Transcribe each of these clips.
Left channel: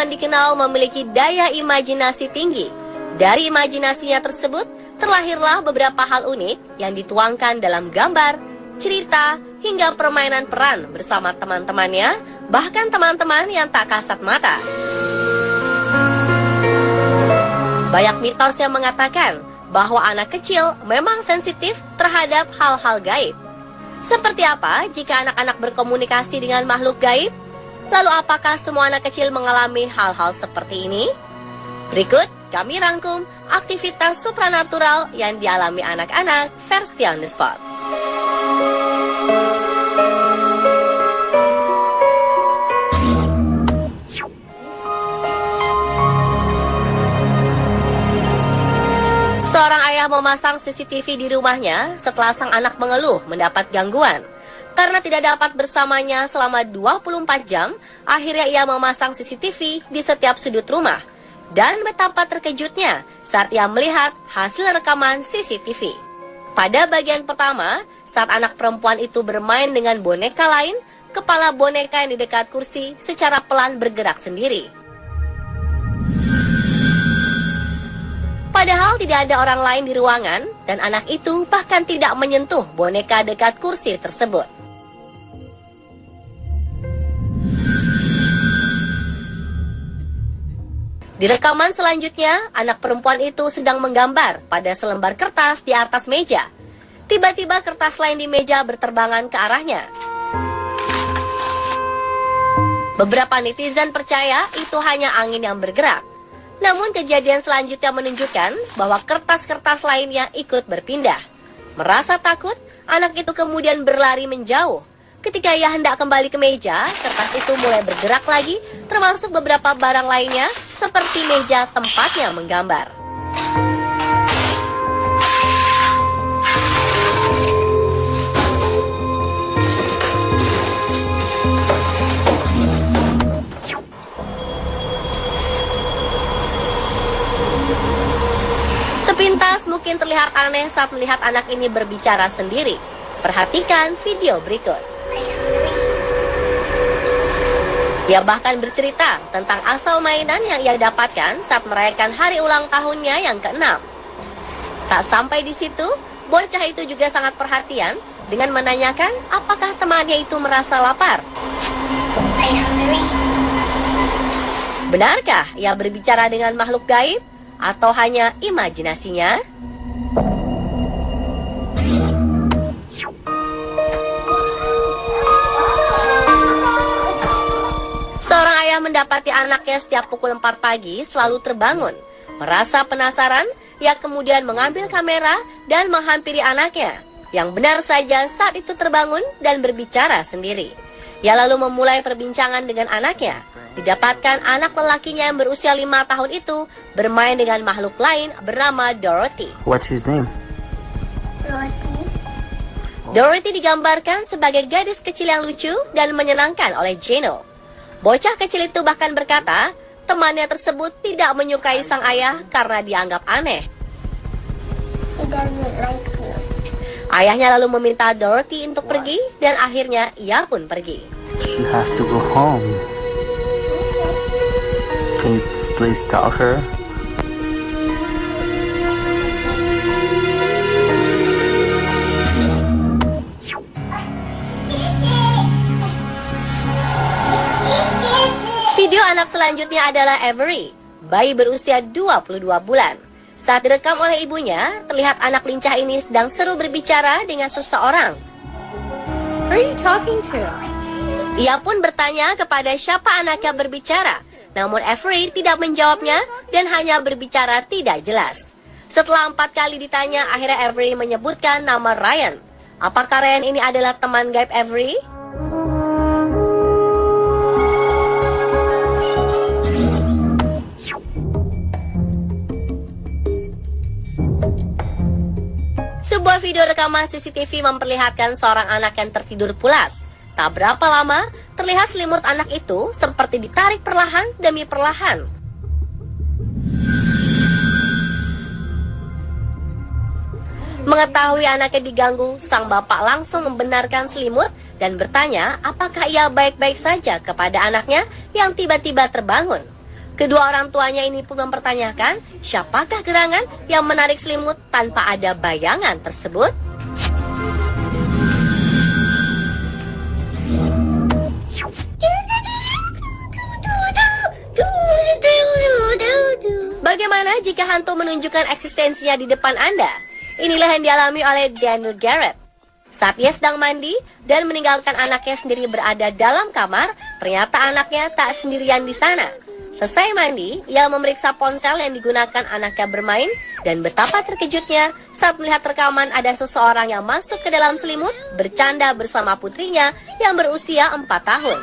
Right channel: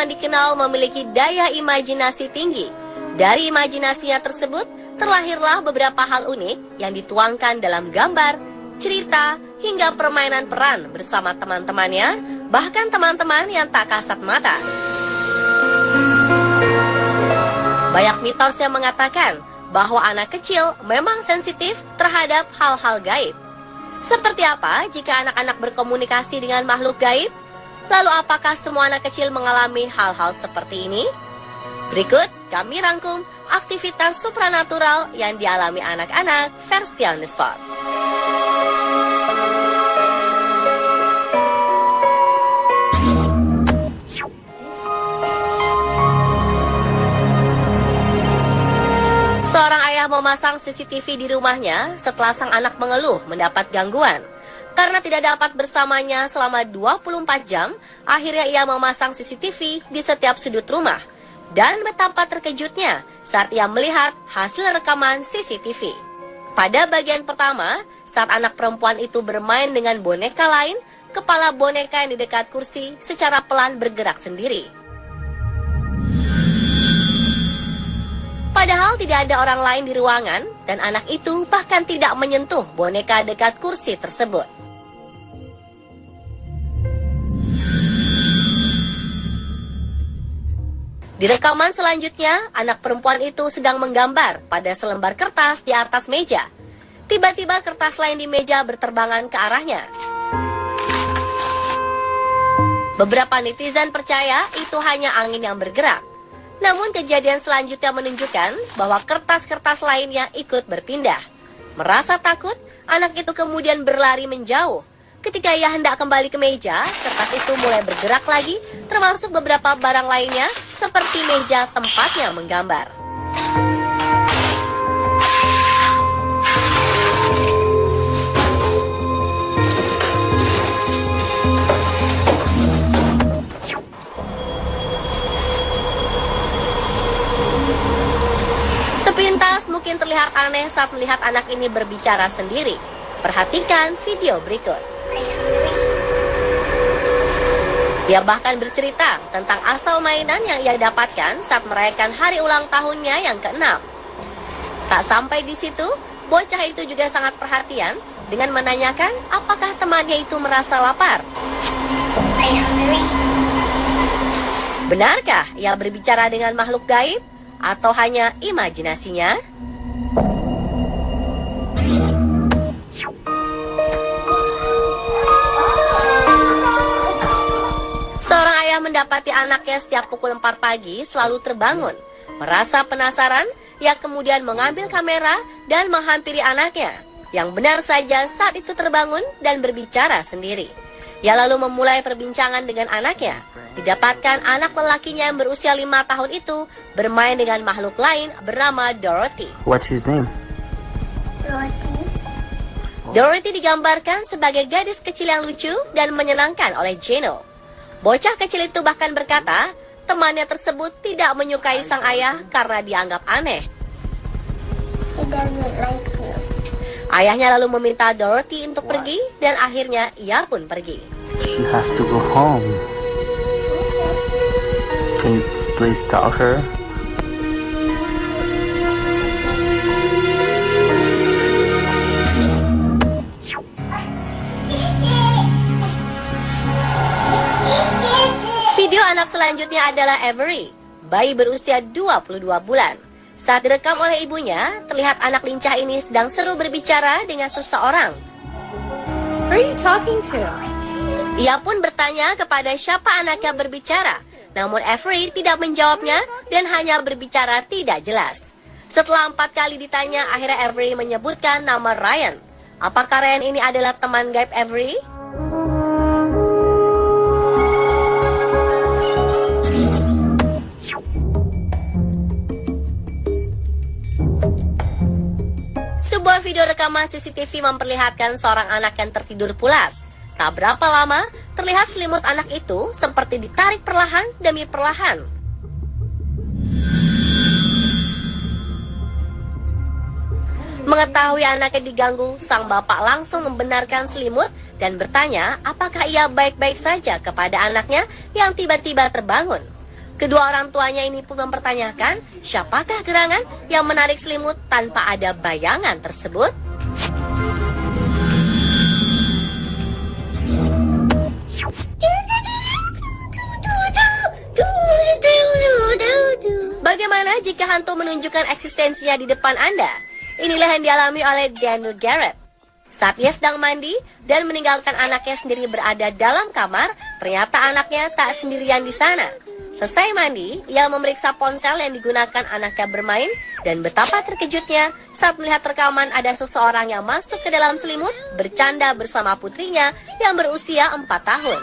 teman dikenal memiliki daya imajinasi tinggi. Dari imajinasinya tersebut, terlahirlah beberapa hal unik yang dituangkan dalam gambar, cerita, hingga permainan peran bersama teman-temannya, bahkan teman-teman yang tak kasat mata. Banyak mitos yang mengatakan bahwa anak kecil memang sensitif terhadap hal-hal gaib. Seperti apa jika anak-anak berkomunikasi dengan makhluk gaib? Lalu apakah semua anak kecil mengalami hal-hal seperti ini? Berikut kami rangkum aktivitas supranatural yang dialami anak-anak versi on the spot. Seorang ayah memasang CCTV di rumahnya setelah sang anak mengeluh mendapat gangguan. Karena tidak dapat bersamanya selama 24 jam, akhirnya ia memasang CCTV di setiap sudut rumah. Dan betapa terkejutnya saat ia melihat hasil rekaman CCTV. Pada bagian pertama, saat anak perempuan itu bermain dengan boneka lain, kepala boneka yang di dekat kursi secara pelan bergerak sendiri. Padahal tidak ada orang lain di ruangan, dan anak itu bahkan tidak menyentuh boneka dekat kursi tersebut. Di rekaman selanjutnya, anak perempuan itu sedang menggambar pada selembar kertas di atas meja. Tiba-tiba kertas lain di meja berterbangan ke arahnya. Beberapa netizen percaya itu hanya angin yang bergerak. Namun kejadian selanjutnya menunjukkan bahwa kertas-kertas lainnya ikut berpindah. Merasa takut, anak itu kemudian berlari menjauh. Ketika ia hendak kembali ke meja, kertas itu mulai bergerak lagi, termasuk beberapa barang lainnya, seperti meja tempatnya menggambar. Sepintas mungkin terlihat aneh saat melihat anak ini berbicara sendiri. Perhatikan video berikut. Dia bahkan bercerita tentang asal mainan yang ia dapatkan saat merayakan hari ulang tahunnya yang ke-6. Tak sampai di situ, bocah itu juga sangat perhatian dengan menanyakan apakah temannya itu merasa lapar. Benarkah ia berbicara dengan makhluk gaib atau hanya imajinasinya? Seorang ayah mendapati anaknya setiap pukul 4 pagi selalu terbangun. Merasa penasaran, yang kemudian mengambil kamera dan menghampiri anaknya, yang benar saja saat itu terbangun dan berbicara sendiri. Ia lalu memulai perbincangan dengan anaknya. Didapatkan anak lelakinya yang berusia 5 tahun itu bermain dengan makhluk lain bernama Dorothy. What's his name? Dorothy digambarkan sebagai gadis kecil yang lucu dan menyenangkan oleh Gino. Bocah kecil itu bahkan berkata, temannya tersebut tidak menyukai sang ayah karena dianggap aneh. Ayahnya lalu meminta Dorothy untuk pergi dan akhirnya ia pun pergi. She has to go home. Can you please tell her? Video anak selanjutnya adalah Avery, bayi berusia 22 bulan. Saat direkam oleh ibunya, terlihat anak lincah ini sedang seru berbicara dengan seseorang. Who are you talking to? Ia pun bertanya kepada siapa anaknya berbicara. Namun Avery tidak menjawabnya dan hanya berbicara tidak jelas. Setelah 4 kali ditanya, akhirnya Avery menyebutkan nama Ryan. Apakah Ryan ini adalah teman gaib Avery? Sebuah video rekaman CCTV memperlihatkan seorang anak yang tertidur pulas. Tak berapa lama, terlihat selimut anak itu seperti ditarik perlahan demi perlahan. Mengetahui anaknya diganggu, sang bapak langsung membenarkan selimut dan bertanya apakah ia baik-baik saja kepada anaknya yang tiba-tiba terbangun. Kedua orang tuanya ini pun mempertanyakan siapakah gerangan yang menarik selimut tanpa ada bayangan tersebut. Bagaimana jika hantu menunjukkan eksistensinya di depan Anda? Inilah yang dialami oleh Daniel Garrett. Saat ia sedang mandi dan meninggalkan anaknya sendiri berada dalam kamar, ternyata anaknya tak sendirian di sana. Selesai mandi, ia memeriksa ponsel yang digunakan anaknya bermain dan betapa terkejutnya saat melihat rekaman ada seseorang yang masuk ke dalam selimut bercanda bersama putrinya yang berusia 4 tahun.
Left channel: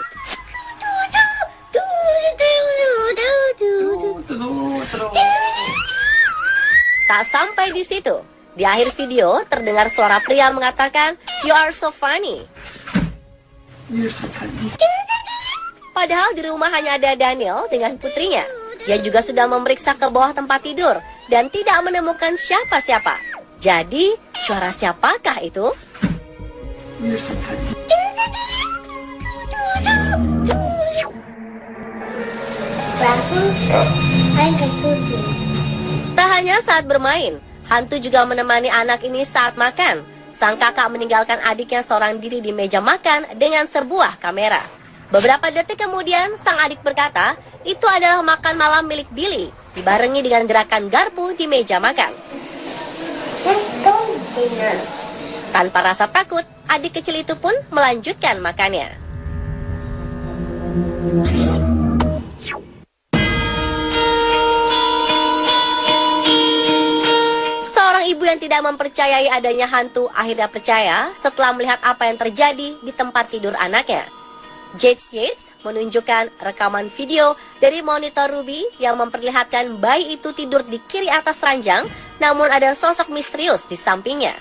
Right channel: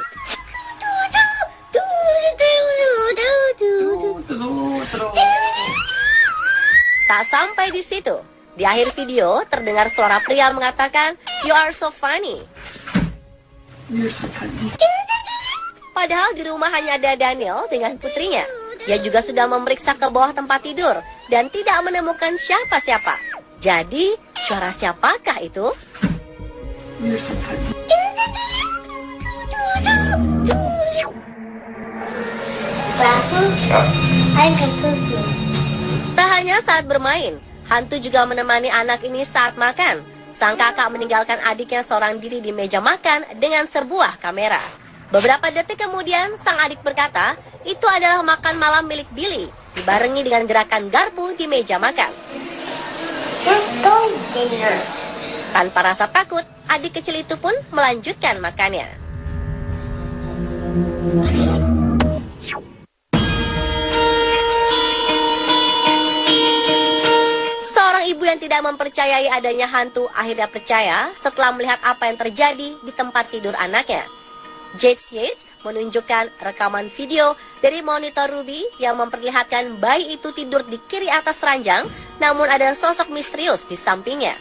Tak sampai di situ. Di akhir video, terdengar suara pria mengatakan, "You are so funny." Padahal di rumah hanya ada Daniel dengan putrinya. Dia juga sudah memeriksa ke bawah tempat tidur dan tidak menemukan siapa-siapa. Jadi, suara siapakah itu? Tak hanya saat bermain, hantu juga menemani anak ini saat makan. Sang kakak meninggalkan adiknya seorang diri di meja makan dengan sebuah kamera. Beberapa detik kemudian, sang adik berkata, itu adalah makan malam milik Billy, dibarengi dengan gerakan garpu di meja makan. Let's go dinner. Tanpa rasa takut, adik kecil itu pun melanjutkan makannya. Seorang ibu yang tidak mempercayai adanya hantu akhirnya percaya setelah melihat apa yang terjadi di tempat tidur anaknya. Jade Yates menunjukkan rekaman video dari monitor Ruby yang memperlihatkan bayi itu tidur di kiri atas ranjang, namun ada sosok misterius di sampingnya.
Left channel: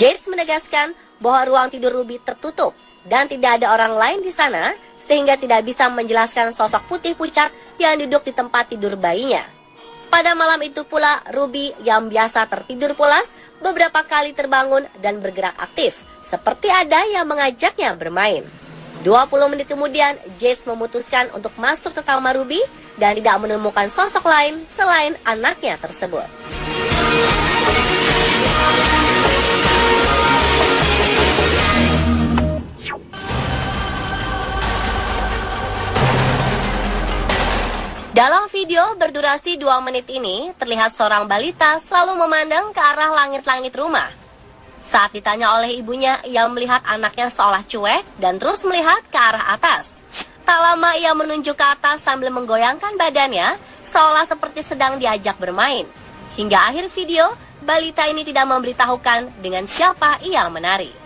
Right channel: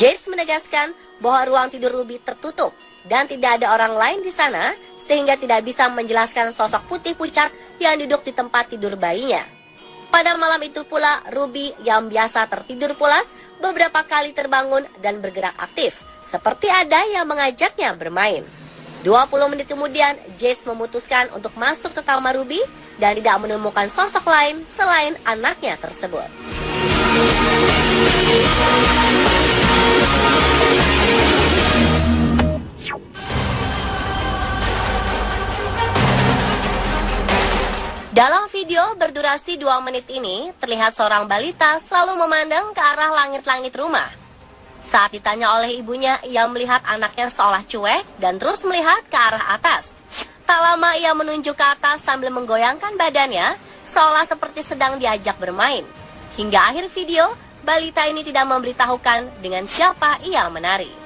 Jade menegaskan bahwa ruang tidur Ruby tertutup dan tidak ada orang lain di sana, sehingga tidak bisa menjelaskan sosok putih pucat yang duduk di tempat tidur bayinya. Pada malam itu pula, Ruby yang biasa tertidur pulas beberapa kali terbangun dan bergerak aktif, seperti ada yang mengajaknya bermain. 20 menit kemudian, Jess memutuskan untuk masuk ke kamar Ruby dan tidak menemukan sosok lain selain anaknya tersebut. Dalam video berdurasi 2 menit ini, terlihat seorang balita selalu memandang ke arah langit-langit rumah. Saat ditanya oleh ibunya, ia melihat anaknya seolah cuek dan terus melihat ke arah atas. Tak lama ia menunjuk ke atas sambil menggoyangkan badannya, seolah seperti sedang diajak bermain. Hingga akhir video, balita ini tidak memberitahukan dengan siapa ia menari.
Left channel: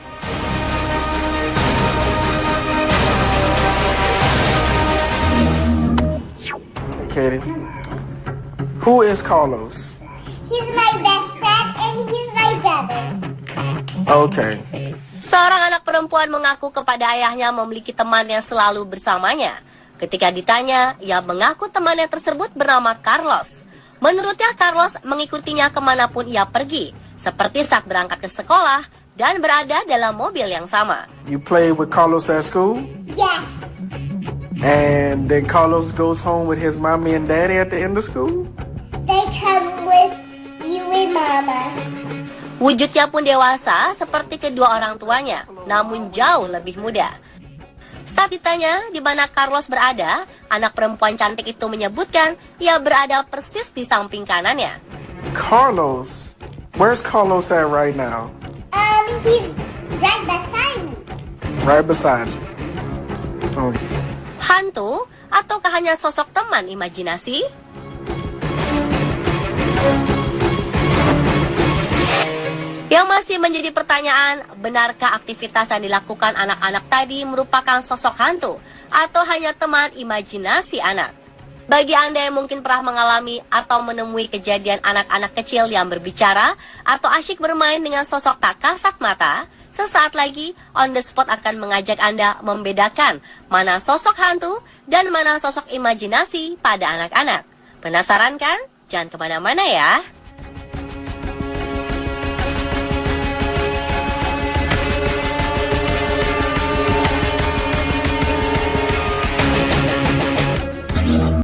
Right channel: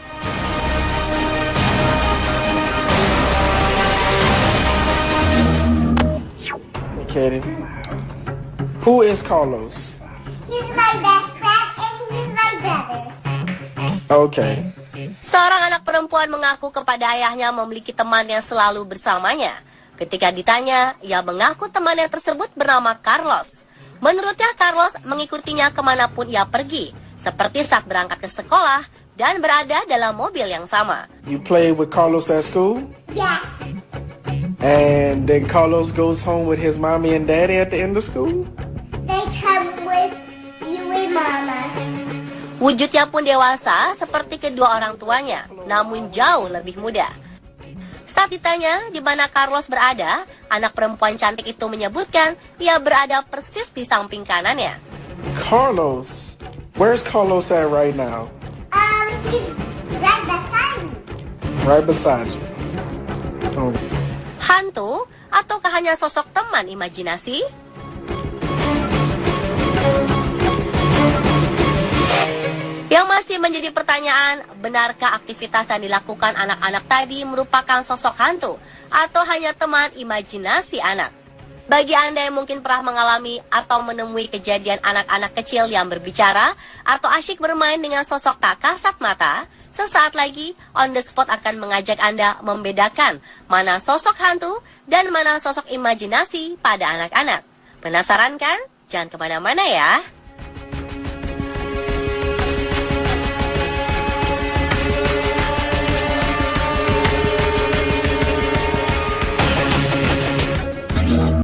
Katie, who is Carlos? He's my best friend and he's my brother. Okay. Seorang anak perempuan mengaku kepada ayahnya memiliki teman yang selalu bersamanya. Ketika ditanya, ia mengaku temannya tersebut bernama Carlos. Menurutnya, Carlos mengikutinya kemanapun ia pergi, seperti saat berangkat ke sekolah dan berada dalam mobil yang sama. You played with Carlos at school? Yes. And then Carlos goes home with his mommy and daddy at the end of school? They come with you and Mama. Wujudnya pun dewasa seperti kedua orang tuanya, namun jauh lebih muda. Saat ditanya di mana Carlos berada, anak perempuan cantik itu menyebutkan ia berada persis di samping kanannya. Carlos? Where's Carlos at right now? He's right beside me. Right beside you. Oh. Hantu ataukah hanya sosok teman imajinasi? Yang masih menjadi pertanyaan, benarkah aktivitas yang dilakukan anak-anak tadi merupakan sosok hantu atau hanya teman imajinasi anak? Bagi Anda yang mungkin pernah mengalami atau menemui kejadian anak-anak kecil yang berbicara atau asyik bermain dengan sosok tak kasat mata, sesaat lagi On The Spot akan mengajak Anda membedakan mana sosok hantu dan mana sosok imajinasi pada anak-anak. Penasaran kan? Jangan kemana-mana ya.